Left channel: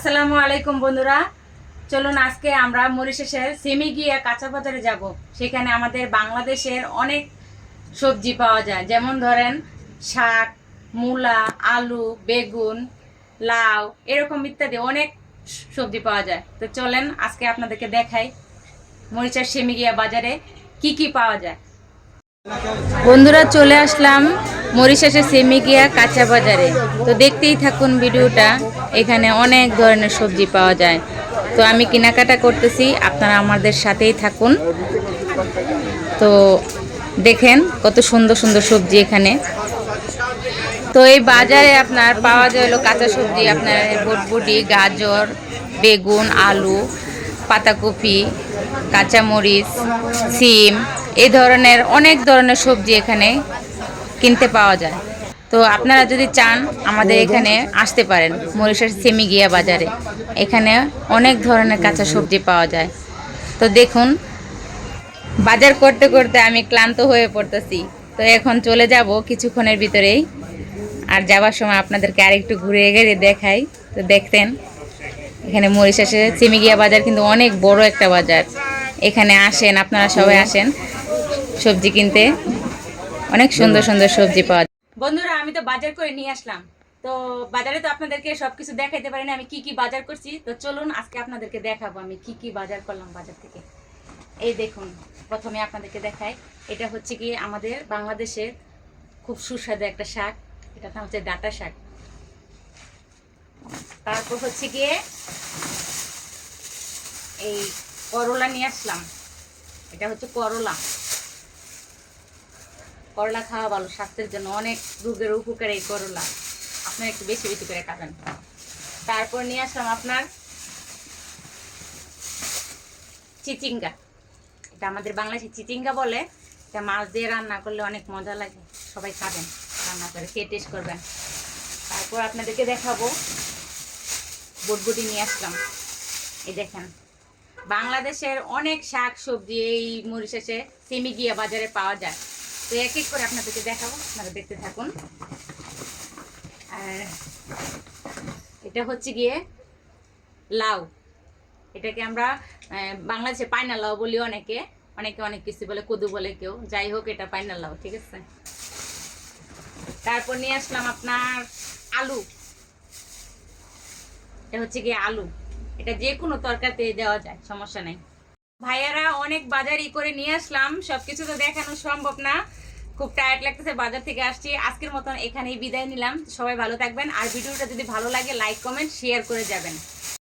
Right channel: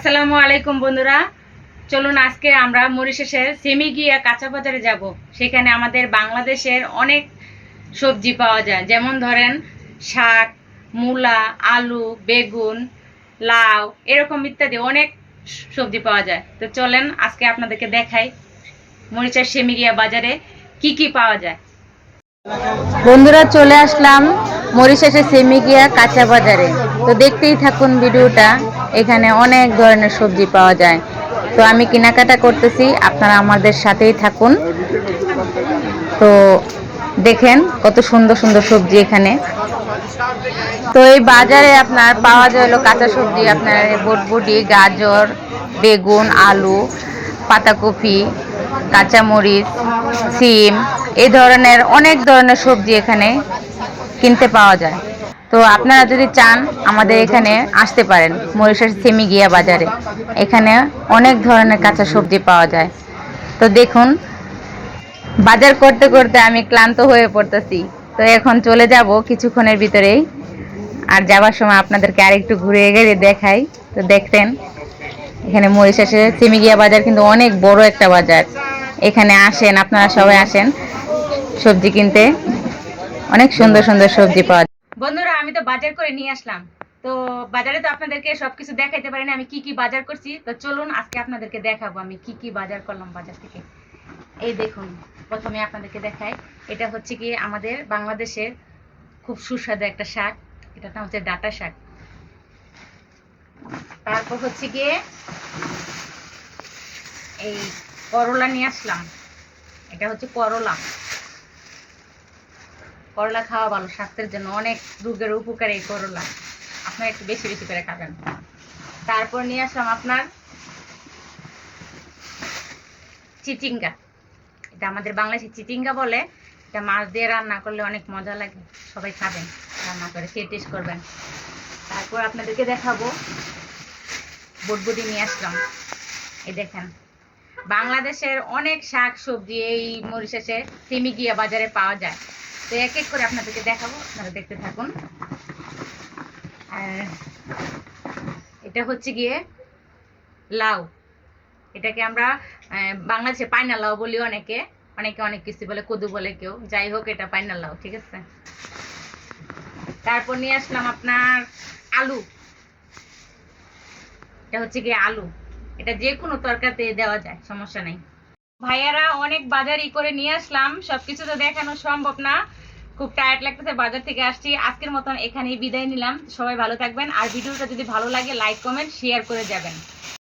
আসসালামু আলাইকুম বন্ধুরা, চলুন আজকে আমরা মরিশাসের সেমিগিয়া কাঁচা বাজারে যাব। সেখানে আমাদের বাংলাদেশের অনেক সবজি পাওয়া যায়, যেমন ধরেন শাক, মূলা, আলু, বেগুন, লাউ, এরকম ইত্যাদি অনেক সবজি পাওয়া যায়। তো চলেন আজকে আপনাদেরকে দেখাই মরিশাস সেমিগিয়া বাজারে কি কি পাওয়া যায়। বন্ধুরা, চলে আসলাম মরিশাসের সেমিগিয়া কাঁচা বাজারে। তো দেখতেই থাকুন ভিডিওটা, এখানে অনেক ধরনের সবজি পাওয়া যায়। তো আমি কেনাকাটা করতেছি, আপনারা আমাদের সাথেই থাকুন। তো দেখেন কত সুন্দর সুন্দর সবজি এখানে। তো এই বাজারে আপনার পাওয়া যায় হলো কাঁচা সবজি, আপনার বটবটি, গাজর, বেগুন, আলু, পাতাকপি, কাঁচামরিচ, সিম, এই ধরনের অনেক ধরনের সবজি এখানে কিনতে পাওয়া যায়। তো আপনারা যদি চান আমাদের এখানে আসতে পারেন মরিশাস সেমিগিয়া বাজারে। এখানে অনেক ধরনের কাঁচা সবজি পাওয়া যায়। তো দেখুন, বাজার করতে করতে আমি ক্লান্ত হয়ে পড়তেছি। তো এখন চলে যাব কিছুক্ষণের ভিতরেই। আর যাওয়ার সময় আপনাদেরকে আরেকটু ঘুরে গিয়ে দেখাই। তো দেখতেন এখানে মরিশাসের সেমিগিয়া বাজার কিন্তু অনেক বড় একটা বাজার। এখানে আসেন, আপনারা সবাই আসেন সবজি কিনতে। অনেক সুন্দর সুন্দর সবজি পাওয়া যায়। বন্ধুরা, আমি তো বাজার করে নিয়ে আসলাম। তো বাজারে তো আপনাদেরকে সবকিছু দেখাইতে পারি না আমি কি কি বাজার করছি। তো চলুন আজকে আপনাদেরকে দেখাবো আমি কি কি বাজার করলাম বাজার থেকে। এই দেখুন, প্রথমে আপনাদেরকে দেখাই, এটা হচ্ছে কি আমাদের বাংলাদেশের খুব সুস্বাদু একটা শাক। এটার নাম হচ্ছে ডাঁটা শাক। তারপর হচ্ছে গিয়ে এই করলা নিয়ে আসলাম। এটা হচ্ছে করলা। করলা খাওয়া ভালো, স্বাস্থ্যের জন্য অনেক রোগের উপকার এই করলা। আপনি একটু বেশি বেশি করে খাবেন। তারপর নিয়ে আসলাম আপনার চিচিঙ্গা। এটা আমাদের বাংলাদেশে চিচিঙ্গা বলে। এটা মাছ দিয়ে রান্না করলে অনেক মজা লাগে, সবাই খাবেন, রান্না করে খেয়ে টেস্ট করবেন। তারপর আপনাদেরকে দেখাবো বটবটি নিয়ে আসলাম। এই দেখেন, বাংলাদেশের অনেক শাক সবজি এই মরিশাসে সেমিগিয়া বাজারে পাওয়া যায়। তো এক এক করে আপনাদেরকে দেখাবো, আপনারা দেখতে থাকুন। আর এটা হচ্ছে গিয়ে লাউ। এটাকে আমরা বাংলাদেশে পাইনা লাউ বলি, অনেকে অনেকে অনেক কিছু বলে, কদু বলে কেউ, যাই হোক এটা পাইনা লাউ, ঠিক আছে। তারপর নিয়ে আসলাম আপনার আলু। এটা হচ্ছে গিয়ে আলু, এটা যে কোনো তরকারিতে দেওয়া যায়, সমস্যা নেই। ভাইয়ারা অনেক বাজারই করে নিয়ে আসলাম, সবকিছু তো দেখানো সম্ভব না, খুব টায়ার্ড লাগতেছে, বাজার থেকে আসছি। আজকের মতন এখানেই বিদায় নিলাম। সবাই ভালো থাকবেন, আর ভিডিওটা যদি ভালো লাগে লাইক কমেন্ট শেয়ার করে যাবেন।